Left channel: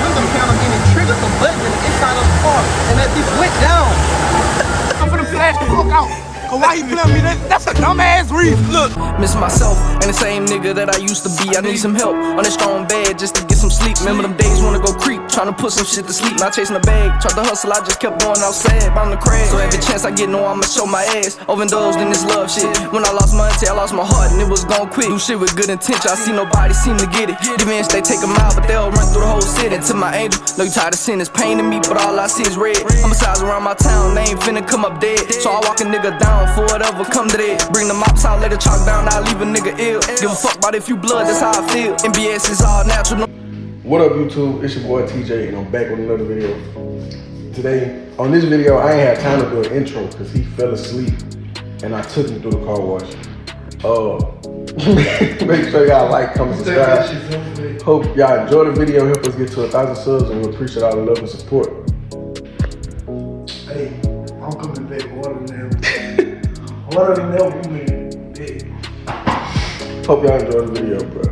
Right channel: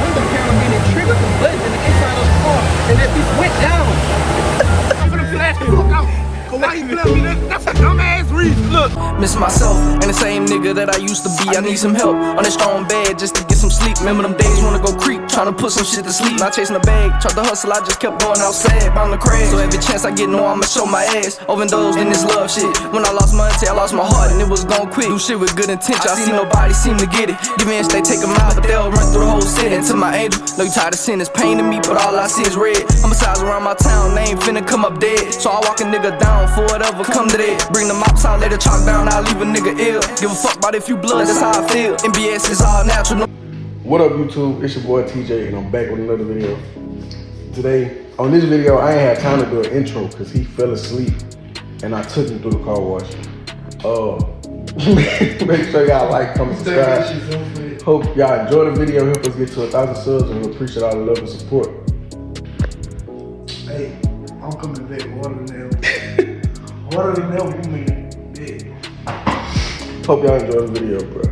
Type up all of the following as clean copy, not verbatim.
window panel, then it triggered the button in the inside of the car, and that bitch went down. I'm gonna flash the fuck out. But why you playing me? That's a dumbass reason. Look, miss myself and the same nigga that I used to be. I need some help on that strong bed just to get some sleep. Remember them days wanna go creep, trying to put some shit to sleep. Not chasing a bag, tried to hustle, I just kept going outside, bound the crash. So every chance I get, know I'ma show my ass. Overdosed in this love shit. When I lost my auntie, I lost my heart and it was gon' quick. Do shit with good intention, I see nobody seem to get it. Demons, they take them out, but they'll run through the whole city. And to my angel, know you tired of seeing this pain in me, but all I see is red. Homicides around my town, they ain't finna come up dead. So I walk a nigga down for whatever come to that. Bring the mops out, let it chalk down, I'll leave a nigga ill. Give a fuck about if you blood, that's how I feel. MBS is all natural. What up, YouTube? It's your boy TJ, and I'm back with another video. Today, on this video, I ain't had time to do an intro because he fell asleep, and I took him through the car wash. Make sure y'all like, comment, subscribe. Hope y'all enjoy the video. Help us get to 1,000 subs, and we appreciate all the love and support. Hey, I'm coming back harder than ever. Harder than ever, man. Yeah. Hope y'all enjoy the video, bro.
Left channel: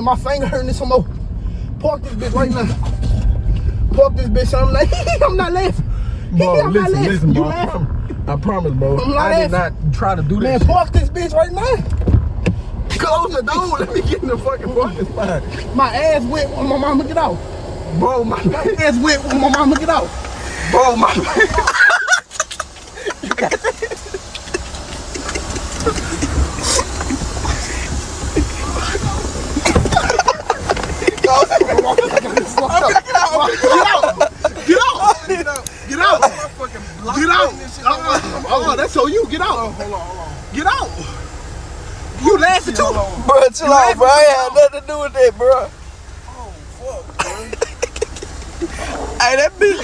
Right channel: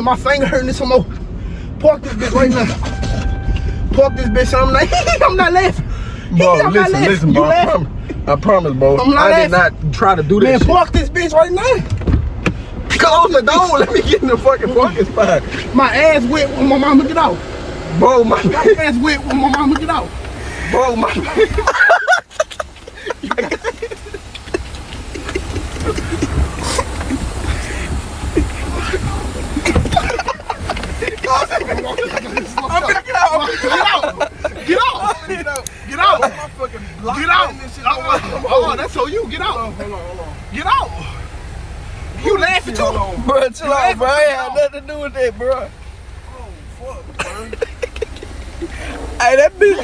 My finger hurting some more. Park this bitch right now. Park this bitch. I'm like, I'm not laughing. I'm not laughing. Listen, You bro, laughing? I promise, bro. I'm not I did laughing. not try to do this. Man, park this bitch right now. Close the door. Let me get in the fucking parking spot. My ass wet when my mama get out. Bro, my ass wet when my mama get out. Bro, my Oh, that's on you. Get out. Get out. You laughing too? Bro, chill out, bro. I ain't had nothing to do with that, bro. Oh, fuck, bro. Hey, that bitch.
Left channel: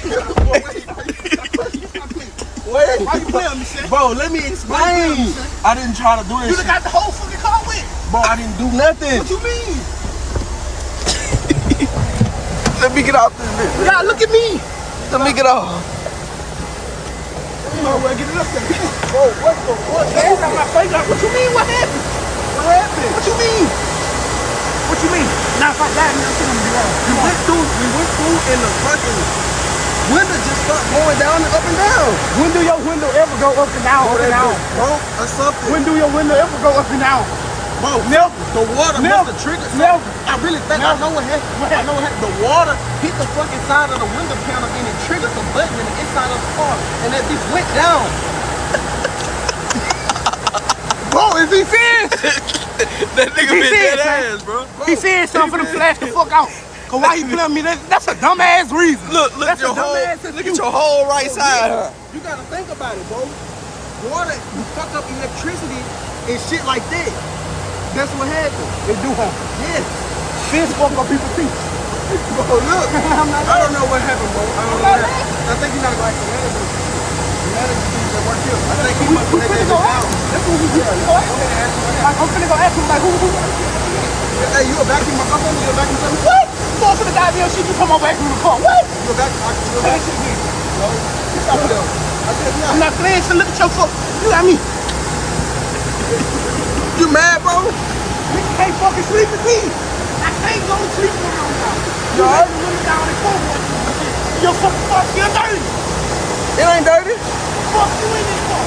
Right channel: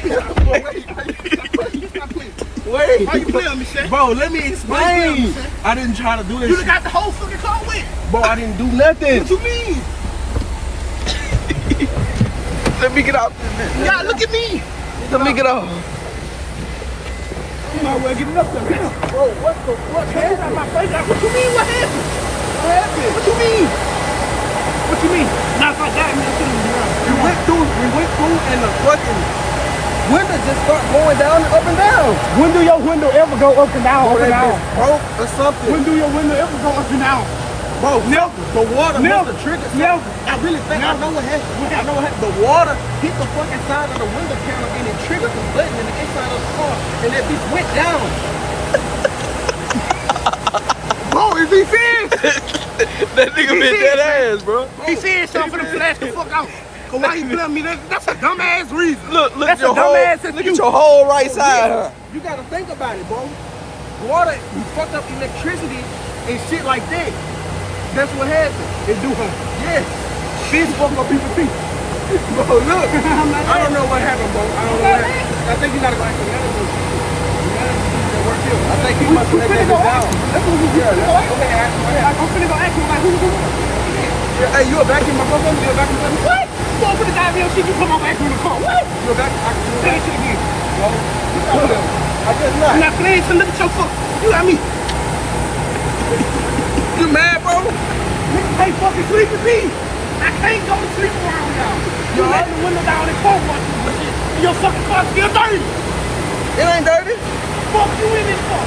Wait. Why you playing me, Seth? Bro, let me explain. I didn't try to do this. You done got the whole fucking car wet. Bro, I didn't do nothing. What you mean? Let me get off this bitch. Yeah, look at me. Let me get off. Oh, man, get it up there. Oh, what the fuck? What you mean? What happened? What happened? What you mean? What you mean? Not like that, man. Shit gonna be wrong. We went through and the fucking window just start going down and up and down. When do your window ever go up and down, up and down? Bro, it's something. When do your window ever go up and down? I Bro, never. The water Never. must have triggered Never. something. I really think I know what happened. I know what happened. The water hit the fucking side of the window panel and it triggered the button in the inside of the car and that bitch went down. Bro, if he says, That nigga He been said, dead ass, bro. he said something for them to ask the fuck out. Cause why you playing me? That's a dumbass reason. Look That's at your a whole, dumbass look at excuse. your whole right side. Huh? You gotta think about it, bro. Water, you fuck up electricity and shit like that. That's what happened. It do happen. Yes. Shit fuck up people's feet. Bro, look. I'm not I don't know what happened, bro. I don't know what happened. I think you gotta go ask the manager. The manager dude that work here. I think he must have let that bitch down. That's what we finna go ask him. Okay, ask him what happened. I'm finna go ask him like who. Yeah, hey, you a vacuum my phone? You a vacuum for me? What? You going for the goddamn shit, you come over back through the car. What? You a vacuum? You a Say that vacuum? shit again. No. You stop there. I said I'm not. not playing, so look at your fuck. You got me. You mad, bro? Nigga can't fucking sleep with me. I can't go to sleep around y'all. You let the window down and phone watch you. Your fucking car still dirty. It ain't dirty. Fuck you in this car.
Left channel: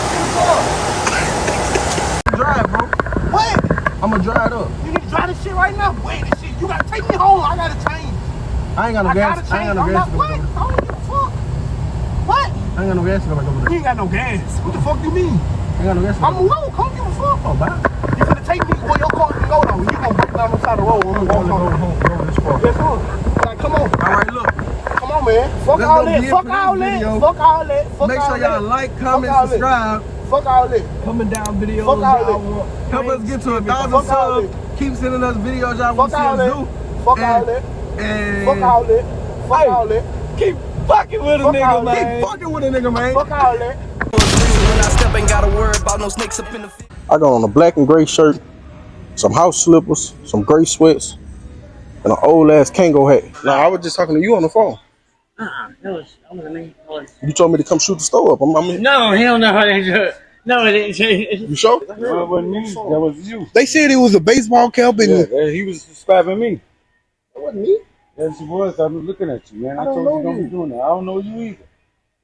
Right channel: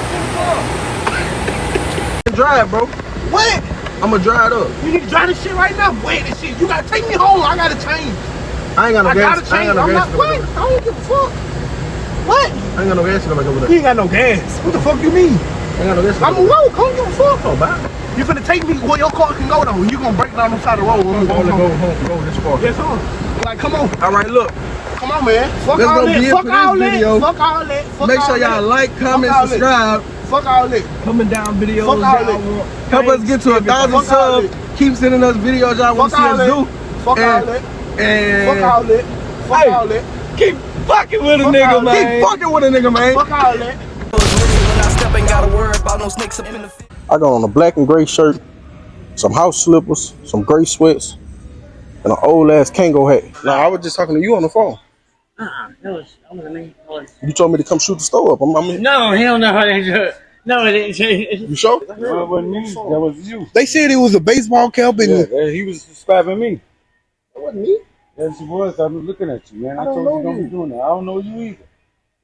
Drive, bro. What? I'ma drive up. You need to drive this shit right now. Wait this shit. You gotta take me home. I gotta change. I ain't got no I gotta gas. change. I'm not what? I don't give a fuck. What? I ain't got no gas in the back over there. You ain't got no gas. What the fuck you mean? I ain't got no gas. I'm low. Come give a fuck. Oh, man. You finna take me where your car can go though. You gonna break down the side of the road. I'm gonna go home. Go this far. Yes, on. Like, come on. All right, look. Come on, man. Fuck Let's all go that. be it Fuck for all this that. video. Fuck all that. Fuck Make all sure y'all that. like, comment, all that. subscribe. Fuck all that. Coming down videos. Fuck all y'all that. want. Help us get to 1,000 Fuck all subs. Keep sending us videos y'all want to Fuck see all us that. do. Fuck all And- that. And Fuck all that. Fuck Hey. all that. keep fucking with a Fuck nigga, all that. man. Keep fucking with a nigga, man. Fuck all that. When I step, ain't gotta worry about no snakes up in the field. I got on a black and gray shirt, some house slippers, some gray sweats, and an old ass Kango hat. Nah, I was just talking to you on the phone. I wasn't me. You told me to come shoot the store up. No, hell no, they do it. No, it didn't. You sure? No, it wasn't me. That was you. They said it was a baseball cap and Yeah, he was describing me. That wasn't me. Yes, he was. I was looking at you, man. I don't told know you don't you. be doing that. I don't know you either.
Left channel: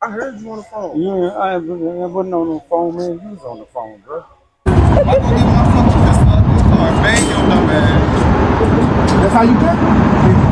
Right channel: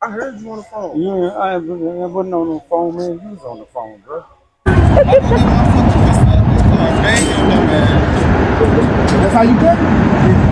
I heard you on the phone. You, I wasn't on the phone, man. You was on the phone, bro. that's how you cut.